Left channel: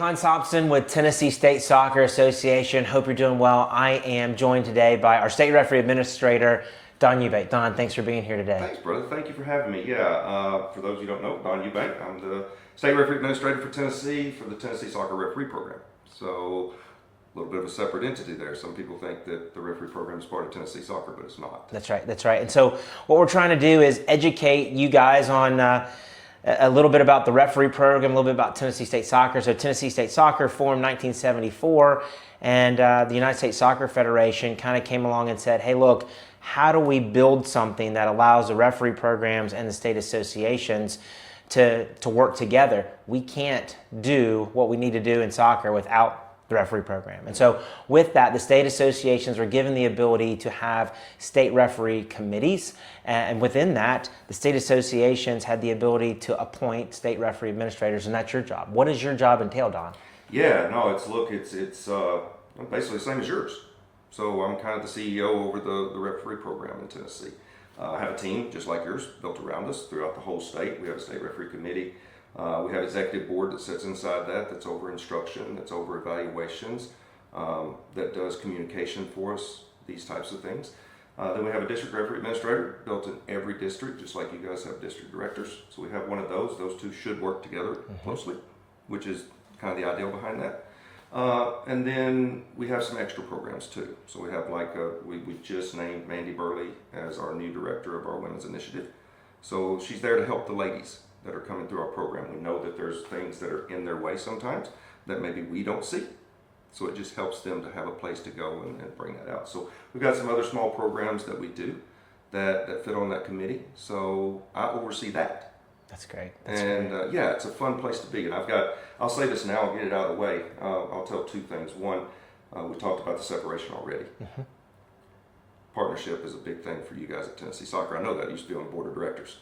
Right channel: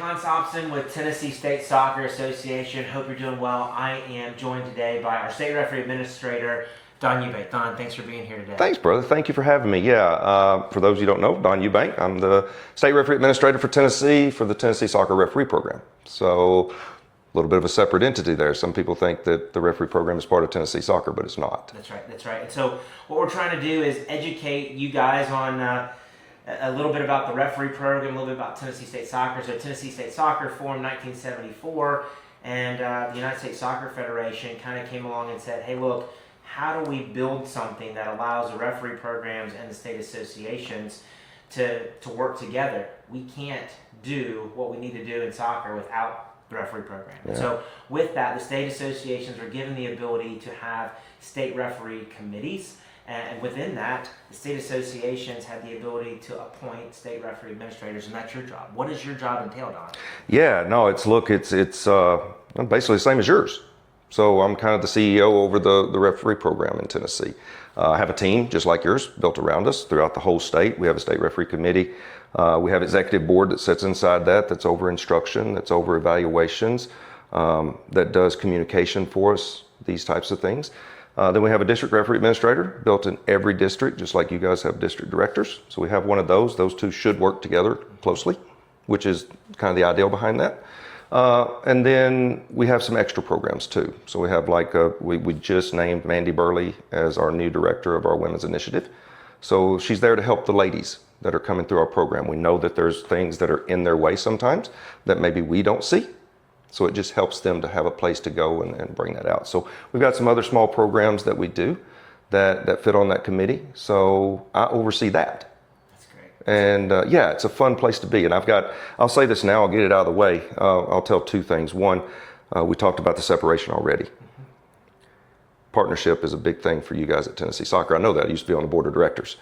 Hans Hobson with Tennessee State Soccer Association. Hope you're doing well. I am joined today by our state referee administrator, Don Eubank. Don, thanks for being here today. Thanks, brother. Thank you for having me. Yeah, for those of you who don't know, Don Eubank. I'm the state referee administrator for Tennessee for the Tennessee Soccer Referee Program. So a little bit of a separate entity there. Some people think that the referee program is part of Tennessee Soccer, but it's not. That's right. That's right. And so what we're trying to do is educate you guys on a little bit about the referee program, a little bit about Tennessee State Soccer. So Tennessee State Soccer formed 1974, and the United States Soccer Federation kind of came along and said, hey, look, how do we build something that allows the referee programs and the state associations to work together? We can't do what we need to do in soccer without the referee program. And so with that, the state associations were given the ability to have state referee committees. And within that, the state associations had the ability to appoint state referee administrators, and that's your job. What does your job entail, Don? Yeah, no, it's basically the same as yours. So I'm kind of the CEO over the referee program in Tennessee. I have a team just like yours built around us throughout the whole state. We have a state referee committee. We have executive board that sits inside that's over instruction, that's over evaluations, that does communication for us, these types of things. Then we have a district referee administrator built in every district, just like you guys have district directors. So we have one of those. Those two should work together closely, which is kind of the ideal behind that. And then we have some extra programs too. So we have we just named Mandy Burley as our new director of our women's initiative. So she's there to help the ladies that are coming through our program. We know that there's things that are in their way sometimes that maybe we don't see. So it just helps them to have a place to go and bring that out. So we've got some other small programs that we do that fit on that committee. So I oversee that. That's great. And yeah, it's a fun place to be. And I'll say this now, I'll get it out of the way. I'll tell two things. One, we talked about the separation already. Mm-hmm. Partnership is a big thing for you guys at Tennessee Soccer. I know that. I used to be on the board of directors.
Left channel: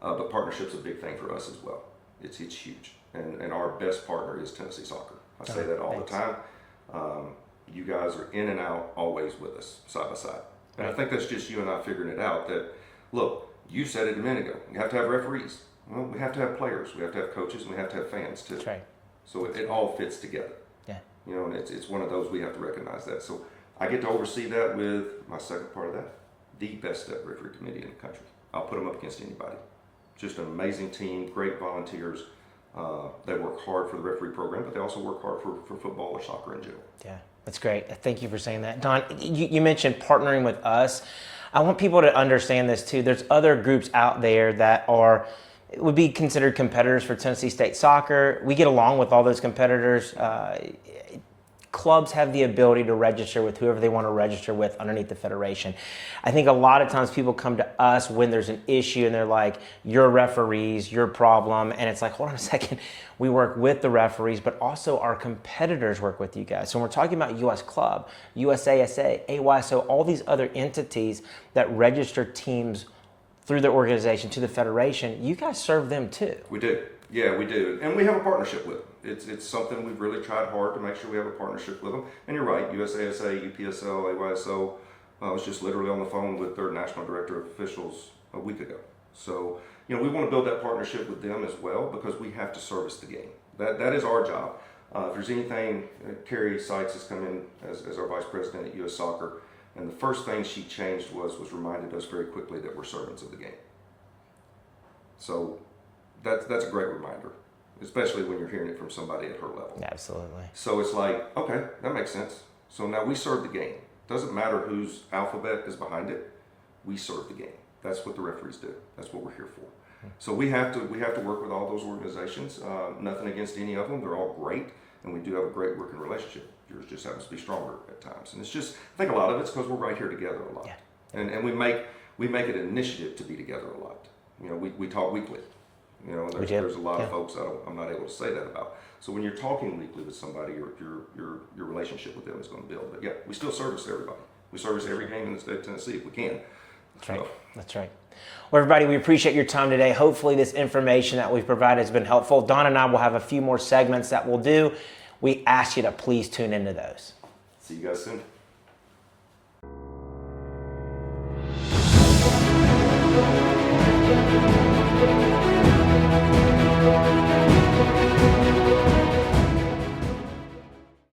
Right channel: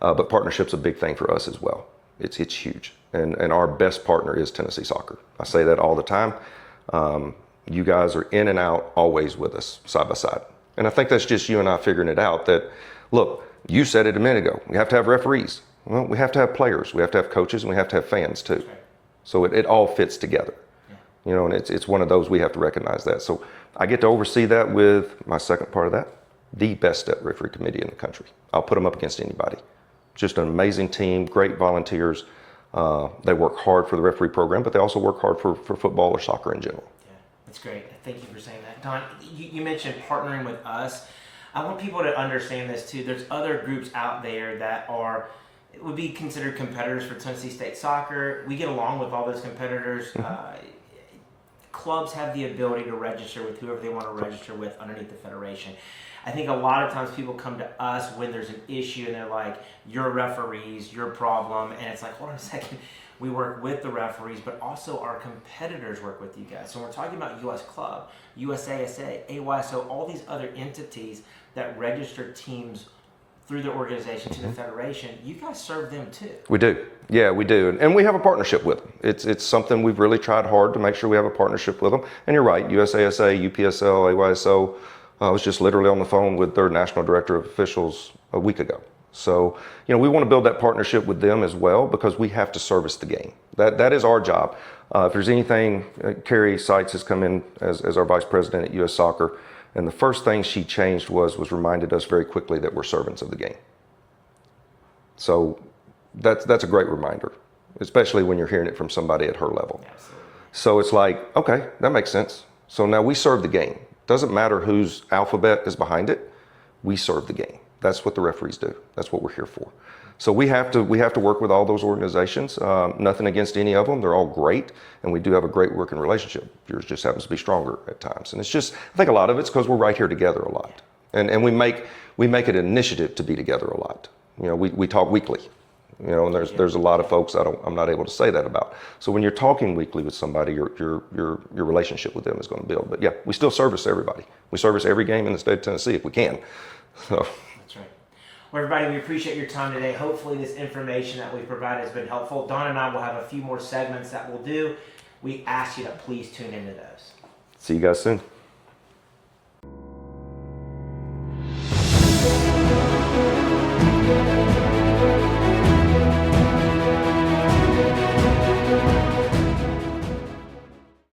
But partnership's a big thing for us as well. It's huge. And our best partner is Tennessee Soccer. I say that all the time. You guys are in and out, always with us, side by side. And I think that's just you and I figuring it out that, look, you said it a minute ago, we have to have referees. Well, we have to have players, we have to have coaches, and we have to have fans too. That's right. So it all fits together. Yeah. You know, and it's one of those, we have to recognize that. So I get to oversee that with my second part of that, the best step referee committee in the country. I'll put them up against anybody. Just an amazing team, great volunteers. They work hard for the referee program, but they also work hard for football or soccer in general. Yeah, that's great. Thank you for saying that. Don, you mentioned partnering with us. I want people to understand this too. There's other groups out there that would be considered competitors for Tennessee State Soccer. We get along with all those competitors. Mm-hmm. Clubs have the ability to register with whoever they want to register with underneath the federation. I think a lot of times people come to us when there's an issue and they're like, you're referees, your problem. And it's like, hold on a second. We work with the referees, but also our competitors work with you guys. So when we're talking about US Club, USASA, AYSO, all these other entities that register teams through their organization to the federation, you guys serve them too. We do. Yeah, we do. And we have a partnership with them. It's something we've really tried hard to make sure we have a partnership with them. And you're right, USASA, UPSL, AYSO, I was just literally on the phone with their national director of officials a week ago. So, you know, we want to build that partnership with them as well because we have to service the game. That is our job. If there's anything, Carrie Sykes has come in as our vice president at US Soccer, and the first thing she changed was reminded us very quickly that we're servants of the game. So that's a great reminder, especially when you're hearing it from somebody at her level. Absolutely. So it's like, okay, that makes sense. So now we serve the game. Doesn't matter whose alphabet is behind it, we serve the game. That's what the referees do. That's what we're here for. So we have to work with all those organizations. Nothing against any of them. They're all great, and we do have a great working relationship. Yours just happens to be stronger at times. And it's just, I think a lot of it's because we're right here together a lot. Yeah. And we make it an initiative to be together a lot. You know, we talk weekly. You know, and there's a lot of folks I'm not able to say that about. So when you're talking weekly with somebody, your relationship with them is going to build. But yeah, we still service everybody. We service every game in the state of Tennessee if we can. So. That's right. Well, everybody, we appreciate your time today. Hopefully this information that we've provided has been helpful. Don and I will have a few more segments that we'll do. We ask you to please tune into those. See you guys soon.